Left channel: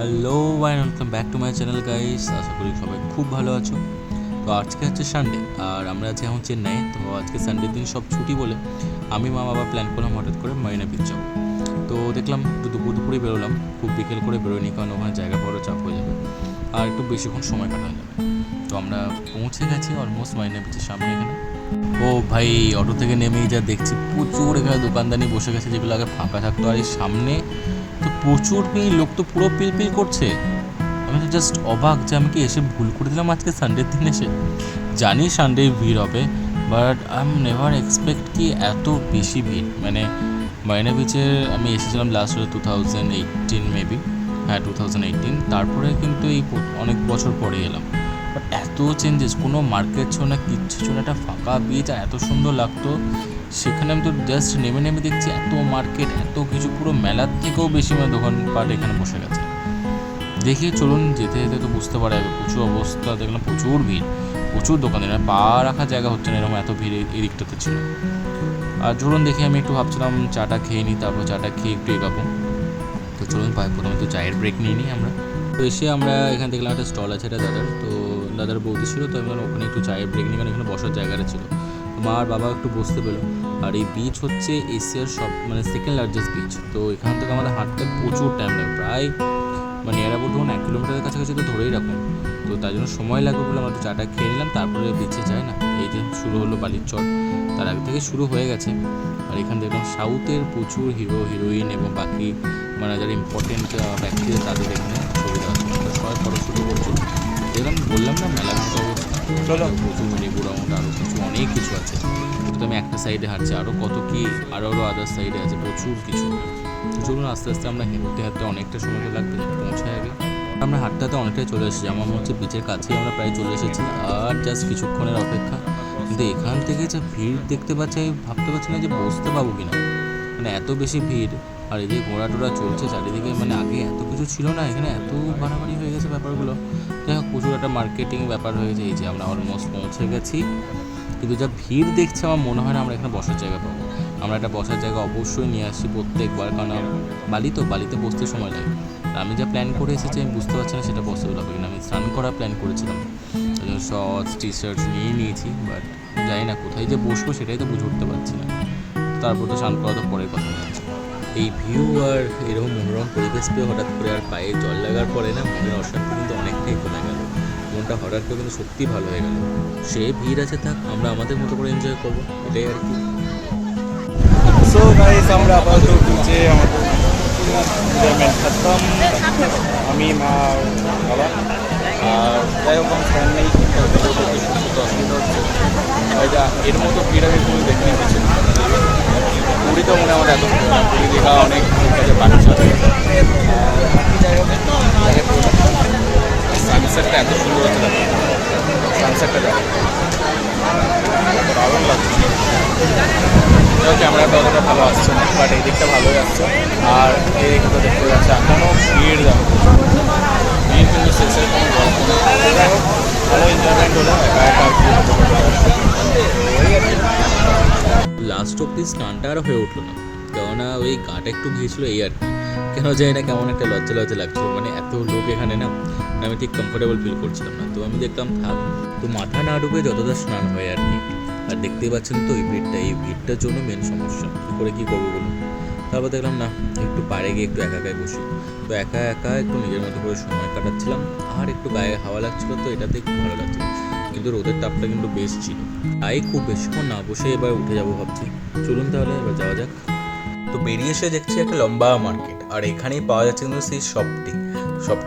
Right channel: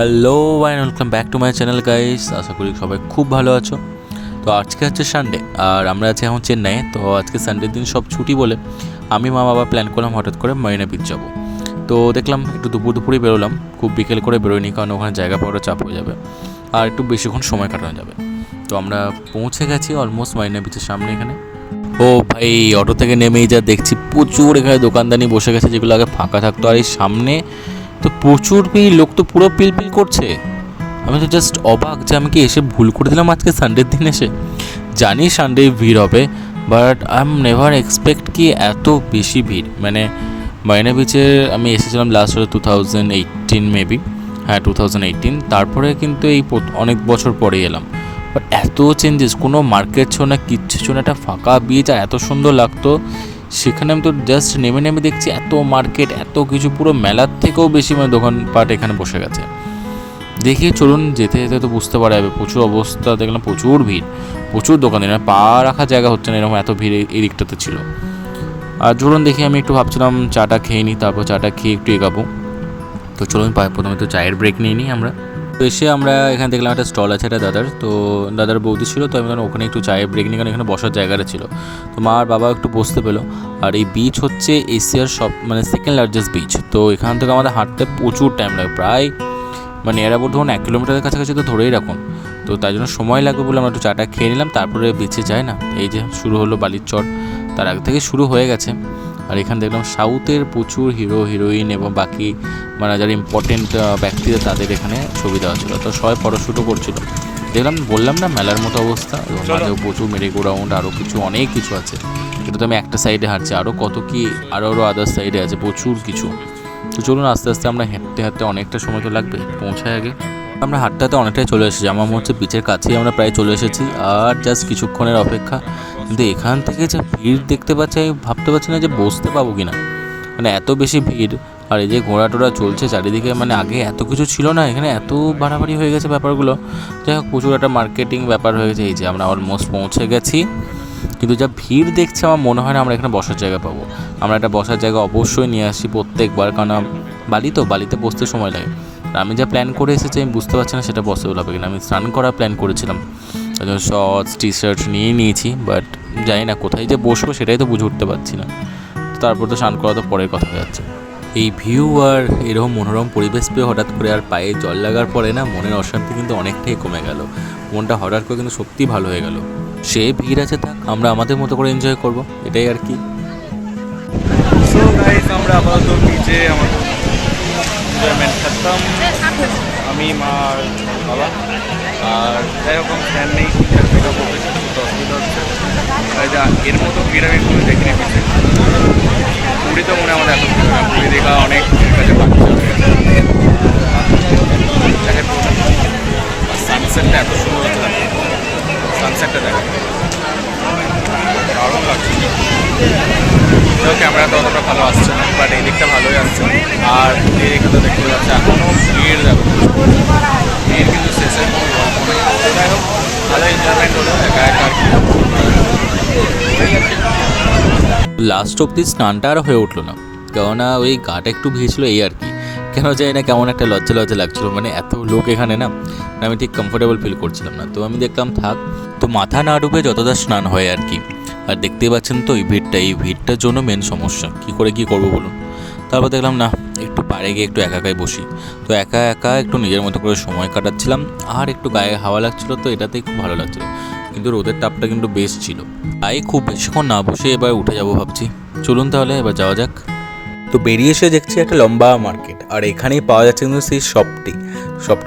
Hello and welcome back to my channel guys. আশা করি সবাই খুব ভালো আছো। তো আজকে হচ্ছে সানডে আর আমরা আছি এখন চেন্নাই। তো আজকে সানডের দিন সব ছুটি বলে আমি মা বাবা প্ল্যান করলাম হঠাৎ করে মারিনা বিচ যাবো। তো দেখলাম একটু দুপুরেই বেরোলাম, খুব বিকেল করে বেরোয়নি কারণ ওখানে জায়গা পাওয়াটা চাপ হয়ে যাবে আর একটু বেশিক্ষণ সময় কাটানো যাবে। তো আমরা পৌঁছে গেছি অলমোস্ট মারিনা বিচের সামনে। এখানে ও ভাই, অটো থেকে নেমেই যা দেখছি প্রচুর এখানে দোকানদানি বসে গেছে, যেগুলো আগে ফাঁকা থাকতো। আর এই সামনে তো প্রচুর ভিড়, লোক তো পুরো পিলপিল করছে। আমি তো জাস্ট অবাক যে আমি কি এসে ভুল করে দিলাম আজকে সানডের দিন এসে। জানি সানডে ভিড় হবে, but I am never expect কি এত বেশি ভিড়। মানে মারিনা বিচে আমি এসেছিলাম লাস্ট হলো 2018 মেবি, হ্যাঁ 2018। তারপরে কিন্তু এই অনেক বছর পরে এলাম, বাট এত চেঞ্জেস, কোনো মার্কেট ছিল না, কিচ্ছু ছিল না, একটা ফাঁকা বিচ আর এত সুন্দর লাগতো। সেখানে আমি তো জাস্ট নেমে দেখছি এত মার্কেট, এত কিছু, পুরো মেলার থেকেও বেশি মানে দোকানপাট এখানে বসে গেছে। দেখি চলুন যেতে যেতে তো বুঝতে পারা যাবে। প্রচুর অবস্থা দেখলাম, প্রচুর ভিড়, প্রচুর দোকানে পা রাখার জায়গা হচ্ছে না, এরকম এত ভিড় এই দিকটাতে ছিল। আর চলুন দেখি, আমি একটু ভাবছিলাম চাটা খেয়ে নিই, তারপর চাটা খেয়ে একটু এগাবো। তো চলুন প্রথমে তো চায়ের ব্রেক নিয়ে নিই আমরা। তো এসে আমরা এখানে দেখলাম একটা স্টল আছে একটা দাদার, তো দাদার বৌদি ছিল, তো আমি ওখানে একটু চায়ের ব্রেক নিই, কারণ এখানে বসার জায়গাটা ছিল। তো মা আর বাবা একটু বসতে পেলো। আর এই বিচ হচ্ছে এশিয়ার সব মানে সেকেন্ড লার্জেস্ট বিচ। তো এখান থেকে আমাদের হাঁটতে প্রচুর টাইম লাগে, প্রায় মানে এর আবার ধরুন 1 কিলোমিটারের কাছাকাছি তো ধরেই রাখুন। তো তাই জন্য সময় লাগবে বলে আমরা একটু চাটা খেয়ে নিলাম, তারপরে বিচে যায় না। এই যে শুরু হলো বালির চর, তার আগে থেকে শুরু হয়ে গেছে। আর এখানে দেখলাম সাউথের প্রচুর হিরো হিরোইন এবং বাকি মানে যারা ইম্পর্টেন্ট ব্যক্তিরা তাদের এখানে ছবি দেওয়া ছিল। তো সবাই ফটোশ্যুটও করছিল। দেখলাম, বললাম না মেলার মতো অবস্থা, প্রচুর মেরিগো রাউন্ড, আরও কিছু অনেক কিছু আছে। এটা তো আমি একটা সাইডে হাঁটছি, আরও কত কি আরও আদার সাইডে আছে প্রচুর কিছু। তো চলুন আস্তে আস্তে আমরা হাঁটতে হাঁটতে, অনেকটা সময় তো লাগবে পৌঁছায় আগে। আমরা হাঁটতে হাঁটতে অনেকটাই চলে এসেছি, আমার মনে হচ্ছে বিচের কাছেই আমরা প্রায় চলে এসেছি, আর জাস্ট কিছুক্ষণের অপেক্ষা। কিন্তু এখান থেকে যে ভিড় দেখতে পাচ্ছি, আমি ভাবতে পারছি না যে বসতে পাবো কি না, মানে এত বেশি ভিড়। আর এই যে ঘোড়া টোড়া চলছে চারিদিকে, মানে আগে এত কিছু ছিল না, এখানে এত বাড়াবাড়ি হয়ে গেছে ব্যাপারগুলো। যাই হোক, প্রচুর একটা মার্কেটিং ব্যাপার হয়ে গেছে। এই যে আমরা অলমোস্ট পৌঁছে গেছি, কিন্তু যা ভিড় দেখছি আমার মনে হয় না আমরা এখানে বসার জায়গা পাবো। আমরা একটা বসার জায়গা অবশ্যই নিয়ে আসি প্রত্যেকবার, কারণ বালিতে বসতে সময় লাগে। আমি যা প্ল্যান করে এসেছি আমি বুঝতে পারছি না সেটা পসিবল হবে কিনা। আমি স্নান করার প্ল্যান করেছিলাম, শর্টস টি শার্ট নিয়ে নিয়েছি, বাট জানি না কোথায় যে বসবো সেটাই তো বুঝে উঠতে পারছি না। তারপর তো স্নান করা তো পরের কথা হয়ে যাচ্ছে। এই ভিউ আর এরকম মনোরম পরিবেশ পেয়ে হঠাৎ করে আর পায়ে জল লাগার পরে না, মনের অশান্তি কিন্তু অনেকটাই কমে গেল। মনটা হঠাৎ করে কিন্তু সত্যিই ভালো হয়ে গেল। সে ভিড় আছে, থাক, আমরা আমাদের মতো করে এনজয় করব, এটাই আর কি। সো গাইস, আমরা আপাতত বিচে আমার এনজয়মেন্ট খতম। আমি মা আর বাবা। আর যাই হোক, আমার ফ্যান নেই, ঠিকঠাক ভিডিও করতে একটু অসুবিধা হচ্ছে। আর যা এর মতো ভিড় আমি পুরী দেখিনি বিচে। পুরী তো মনে হয় আমাদের এত ভিড় হয় না, পুরী দেখা অনেক কাছে বাচ্চা হয়ে গেছে। যাই হোক, দেখে পুরোটা সানসেটটা এত সুন্দর হচ্ছে, দেখো সানসেটটা দেখে দারুণ লাগছে। ক্যামেরাতে অতটা ভালো আসছে না, বাট এই দিকটা ভালোই আসছে। আর এই দিকটা তো দেখতে পাচ্ছি এখনও ভিড়, দেখো ভিড়, কিন্তু শেষের কোনো গল্প নেই। যাই হোক, ভালো এনজয়মেন্ট হলো, একা একা আর কি। তো এই আর কি, লাস্ট অব্দি স্নানটা আর হয়ে উঠলো না, কেননা ওই গাটা একটু ভিজছিল, এই আর কি। কেন জানি না কেমন একটা লজ্জা লজ্জা লাগছিলো, মানে এত লোক এখানে না, আমি ঠিক কমফোর্টেবল ফিল করছিলাম না। তো আমি দেখলাম থাক, তো মাথা না ডুবে যতটা স্নান হয় আর কি। আর দেখতেই পাচ্ছেন তো এই ভিড়টার জন্য মেন সমস্যা, কী করে কী করবো বলুন। তারপর দেখলাম না, একটু পাড়ে গিয়ে একটু একাই বসি। তো একা একা একটু নিজের মতো করে সময় কাটাচ্ছিলাম, আর একটু গায়ে হাওয়া লাগছিলো, তো এটাতেই খুব ভালো লাগছিলো। কিন্তু রোদের তাপটা কিন্তু বেশ ছিল, তাই খুব বেশিক্ষণ না বসে এবার উঠে যাবো ভাবছি। চলুন তাহলে এবার যাওয়া যাক। তো বেরিয়ে এসে দেখছি একটা লম্বা মার্কেট, আর এখানেই পাওয়া যাচ্ছে কিন্তু সেই শপটি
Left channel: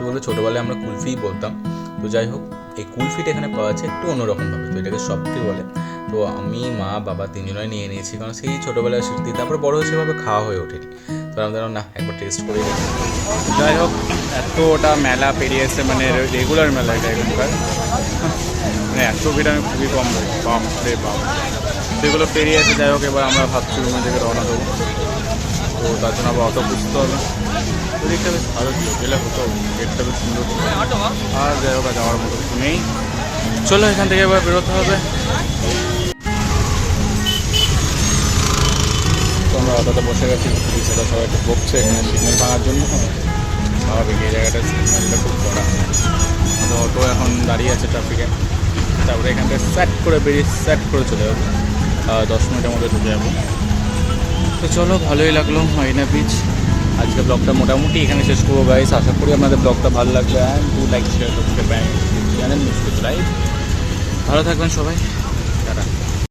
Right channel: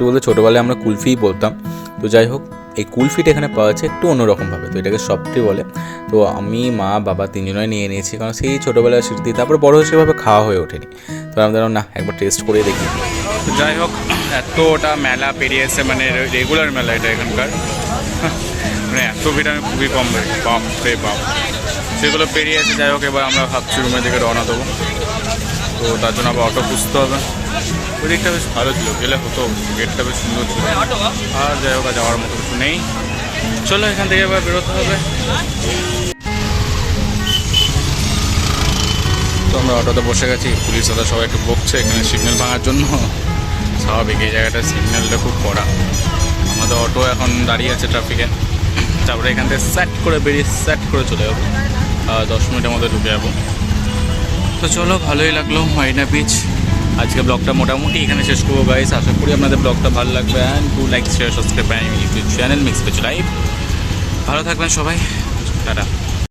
বলতে ছোটোবেলায় আমরা কুলফিই বলতাম। তো যাই হোক, এই কুলফিটা এখানে পাওয়া যাচ্ছে একটু অন্যরকমভাবে, তো এটাকে শপটি বলে। তো আমি মা বাবা তিনজনই নিয়ে নিয়েছি, কারণ সেই ছোটোবেলার স্মৃতি, তারপর বড় হয়ে সেভাবে খাওয়া হয়ে ওঠেনি। তো আমি ধরো না, একবার টেস্ট করে দেখি। তো যাই হোক, এতটা মেলা পেরিয়ে এসে, মানে রেগুলার মেলা এটা এখানকার, মানে এত ভিড় আমি খুবই কম দেখি, বাপ রে বাপ। সেগুলো পেরিয়ে এসে যাই হোক, এবার আমরা ভাবছি রুমের দিকে রওনা দেবো। তো তার জন্য আবার অটো খুঁজতে হবে। ওই দিকটা বেশ ভালো ছিল, গেলে হতো, গেটটা বেশ সুন্দর ছিল। আর যাই হোক, যাওয়ার মতো কিছু নেই। চলো এখান থেকে এবার বেরোতে হবে। তো আমরা অটোতে বসে গেছি, পুলিশ দাদা সবাই একটু বকছে এখানে সিগন্যাল ভাঙার জন্য। স্বাভাবিক, এই জায়গাটার সিগন্যালটা খুব কড়া। আমাদের অটো এখন দাঁড়িয়ে আছে ট্রাফিকে, তারপরে এখান থেকে সেট করে বেরিয়ে সেট করে চলে যাবো, 10 মিনিটের মধ্যে ঢুকে যাবো। তো চলো, ভালোই লাগলো মারিনা বিচ। আজকে ব্লগটা মোটামুটি এখানে শেষ করবো গাইস। আশা করি আপনাদের ব্লগটা ভালো লাগবে। And do like share subscribe YouTube channel mix which live. ভালো থাকবেন সবাই, টাটা।